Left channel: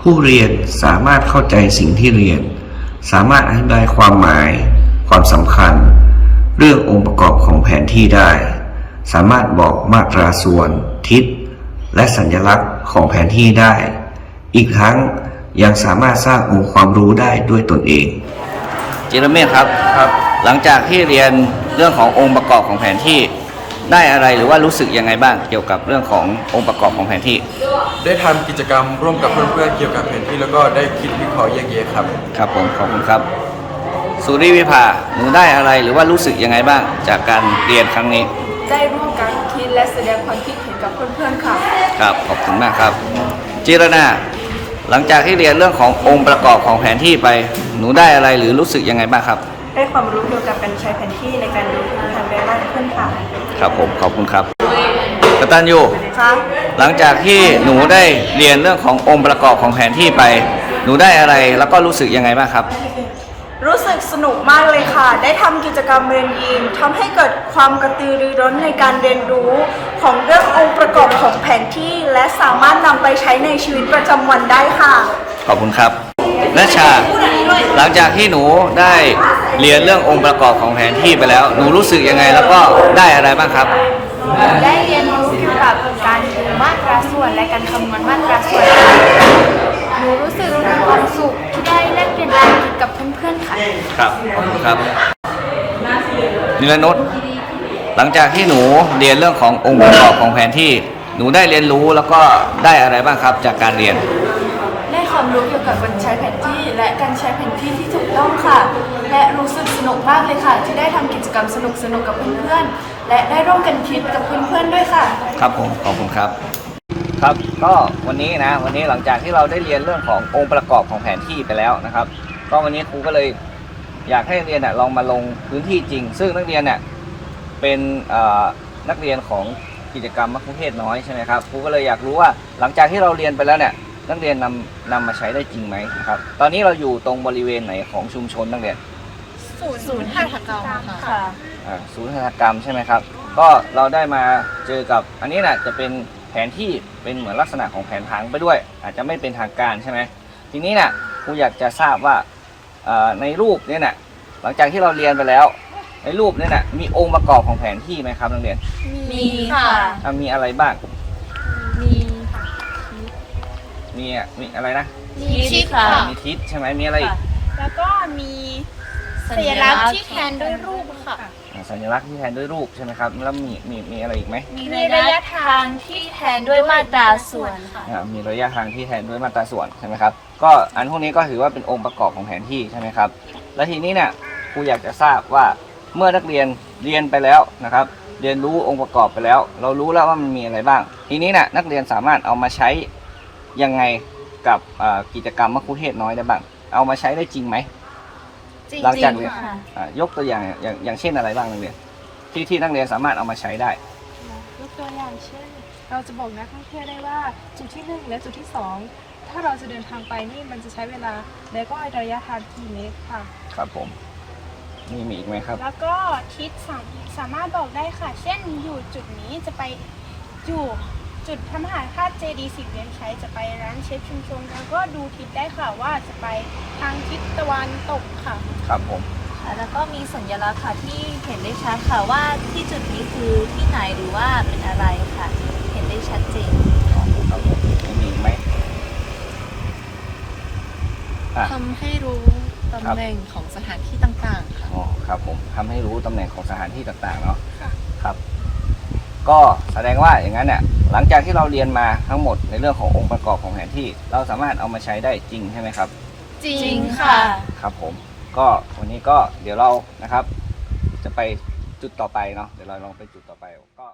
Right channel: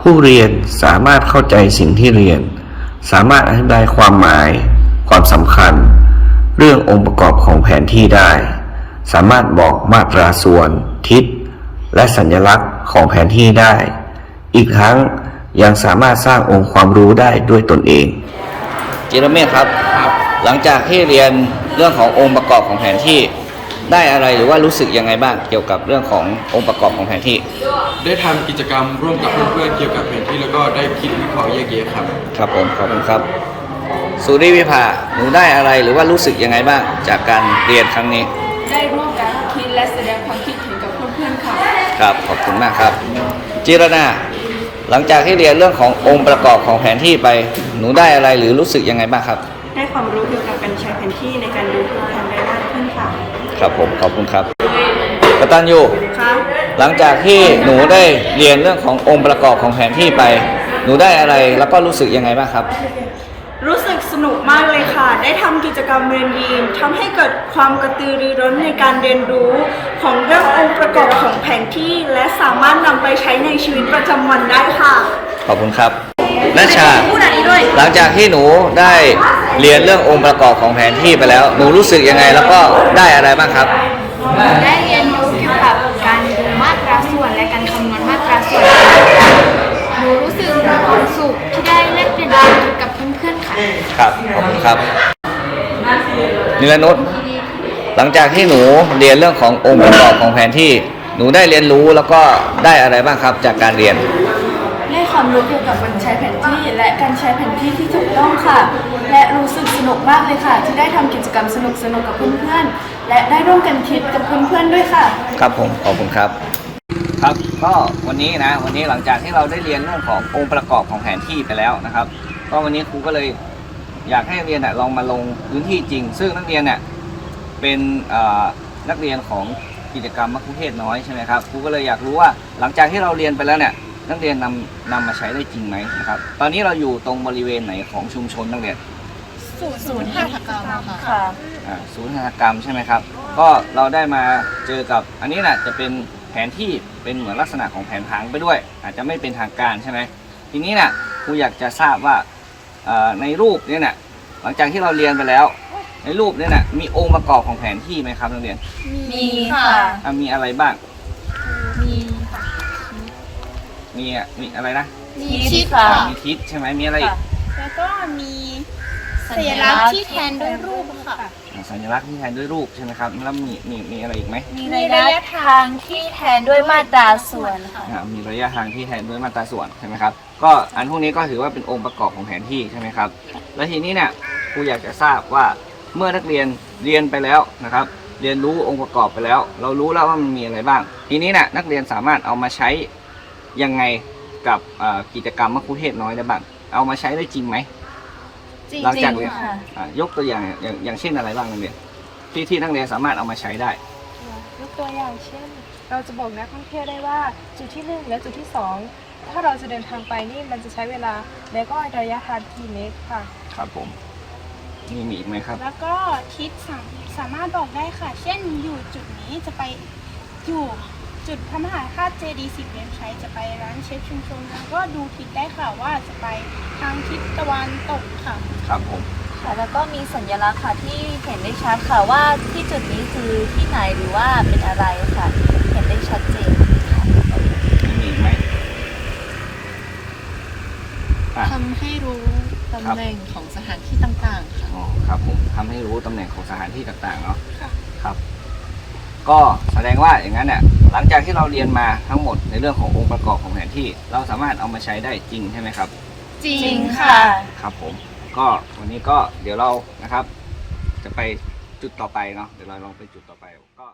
ผู้เรียนสามารถเข้าใจสิ่งที่เรียน สามารถอธิบายความหมาย ความสำคัญ เรื่ององค์ประกอบของแผนที่ได้ สามารถบอกมาตราส่วน ทิศ และสัญลักษณ์ของแผนที่ได้ อีกทั้งยังสามารถสร้างองค์ความรู้ได้ด้วยตนเอง จิรเมธครับครับหลังจากที่เรียนเรื่องขององค์ประกอบของแผนที่ ได้อะไรหรือว่ารู้สึกยังไงบ้างเกี่ยวกับเรื่องขององค์ประกอบของแผนที่ ได้ทำกิจกรรมร่วมกับเพื่อนๆเกี่ยวกับแผนที่แล้วก็ได้คิดวิเคราะห์แยกแยะครับ ครับผมขอบคุณครับ สุริวิภาหนูได้อะไรหรือว่ารู้สึกยังไงบ้าง จากการเรียนครั้งนี้ได้ร่วมกันคิดและแสดงความคิดเห็นกับเพื่อนๆค่ะ ครับขอบคุณมากครับ จิรนาหลังจากที่เรียนเรื่องขององค์ประกอบของแผนที่ไป หนูได้อะไรหรือรู้สึกยังไงบ้างครับ ได้ความรู้เกี่ยว กับการใช้แผนที่ในการดูทิศทางได้มากขึ้นค่ะ ครับผมขอบคุณครับกตันยูค่ะหลังจากที่หนูได้เรียนเรื่องขององค์ประกอบของแผนที่ไป หนูได้อะไรแล้วก็รู้สึกยังไงบ้างครับ รู้สึกสนุกมากเลยค่ะ ได้ทำกิจกรรมเรียนดีมทำให้เกิดความกระตือรือร้นในการเรียนรู้ ของเรื่ององค์ประกอบของแผนที่ และสามารถนำไปใช้ในชีวิตประจำวันได้ค่ะ ขอบคุณครับนัชชาหลังจากที่หนูได้ เรียนเรื่ององค์ประกอบของแผนที่ไปแล้ว หนูรู้สึกยังไงแล้วก็ได้อะไรบ้างครับ ได้เรียนรู้เกี่ยวกับการดูมาตราส่วนและการคำนวณมาตราส่วนหนูรู้สึกมีความสุขที่ได้แลกเปลี่ยนความคิดกับเพื่อนๆค่ะ ครับขอบคุณครับนิรนุชหลังจากที่หนูเรียนเรื่องขององค์ประกอบของแผนที่ หนูได้เรียนรู้แล้วก็ได้อะไรบ้างครับจากการเรียน ได้ความรู้เกี่ยวกับการใช้แผนที่และ การใช้แผนที่ที่ถูกต้องค่ะ และรู้สึกสนุกมากเลยค่ะ ที่ได้ทำกิจกรรมสนุกๆกับเพื่อนๆ และได้ร่วมกันคิดกับเพื่อนๆด้วยค่ะ ครับผมขอบคุณครับ ครับก็วันนี้นะวันนี้หลังจากที่เราได้เรียนเรื่องขององค์ประกอบของแผนที่ไปแล้วนะครับ ก็วันนี้ครูก็เลยอยากให้นักเรียนน่ะลองมาลงพื้นที่จริง ซึ่งนักเรียนเนี่ยเป็นเอ่อนักเรียนของกิจกรรมมัคคุเทศน้อยใช่ไหมครับครูก็เลยอยากรู้ว่าหลังจากที่เราเรียนไปแล้วเนี่ย นักเรียนนำนำมาใช้ได้จริงไหมนะครับ ตอนนี้เราอยู่ตรงบริเวณไหนของชุมชนนักเรียนศูนย์หัตถกรรมค่ะอ่าศูนย์หัตถกรรมใช่ไหมครับ ก็เราได้มาเจอกับอันนี้นะจะเป็นแผนที่เป็นเหมือนลักษณะของแผนผังไปด้วย อาจจะไม่เป็นทางการใช่ไหมทีนี้นะ่ะครูอยากจะทราบว่าเอ่อในรูปเนี่ยนะหลังจากที่เราเรียนไปแล้ว ในรูปเนี่ยนะมีองค์ประกอบของแผนที่ไหมครับนักเรียนมีค่ะอะมีอะไรบ้าง มีอะมีอะไรนะมีชิดค่ะมีทิศใช่ไหมมีอะไรอีกแล้วก็มีสัญลักษณ์ที่แทนด้วยรูปค่ะ อ่าสัญลักษณ์ที่แทนด้วยรูปใช่ไหมครับแล้วมีมีมีอะไรอีกไหมมีระยะทางที่แทนด้วยมาตราส่วนค่ะ อ่ามีระยะทางที่แทนด้วยมาตราส่วนใช่ไหมครับก็อันพวกนี้ก็ถือว่าเป็นองค์ประกอบของแผนที่ใช่ไหมครับแล้วทีนี้เนี่ยครูอยากจะทราบว่าเมื่อนักเรียนเรียนไปแล้วนะครับ เรียนรู้องค์ประกอบไปแล้ว เรารู้แล้วว่ามันมีอะไรบ้าง ทีนี้เนี่ยนักเรียนสามารถเอามาใช้ ยังไงกับอ่ากิจกรรมมัคคุเทศน้อยได้บ้าง เอามาใช้ได้จริงไหม จริงหลังจากเรียนค่ะ อ่ายกตัวอย่างอย่างอย่างเช่นอะไรบ้างนักเรียนที่ที่นักเรียนสามารถเอามาใช้ได้ ยกตัวอย่างเช่น เราจะบอกนักท่องเที่ยวได้ว่าจุดที่ 1 และจุดที่ 2 ถ้าเราจะเดินทางไปนี่มันจะใช้เวลา และก็ระยะทางกี่เมตรค่ะ ครับผมมีมีอีกไหมครับ แล้วก็ทิศสามสามารถบอกได้ค่ะ เช่นอยู่จุดนี้จะไปอยู่ จุดพระมหาธาตุเจดีย์สิบเหรียญชัยจะไปร้านเชฟชุมชน แล้วก็ดูทิศได้ค่ะว่าจะไปทางทิศตะวันตกค่ะ ครับผม ค่ะแล้วก็มีสัญลักษณ์ค่ะที่เห็นได้ชัดค่ะว่าที่จุดนี้คือที่ไหนหรือว่าเป็นอะไรค่ะ เห็นได้ชัดเจนครับผมยังมีอีกไหมอะ ทำให้รู้ตำแหน่งของสถานที่ต่างๆค่ะ อ๋อครับผมทำให้รู้ตำแหน่งของสถานที่ต่างๆเนาะค่ะ ครับ ก็แสดงว่าอย่างนั้นเนี่ย หลังจากที่เราเรียนมาทั้งหมดในเรื่องขององค์ประกอบของแผนที่ เราสามารถเอามาใช้ได้จริงใช่ไหมครับ จริจริงงค่ะค่ะ ครับผม ก็วันนี้ก็เดี๋ยวเรานะครับ จะไปจุดต่อไปเนาะเดี๋ยวเราลองไปจุดต่อไปก็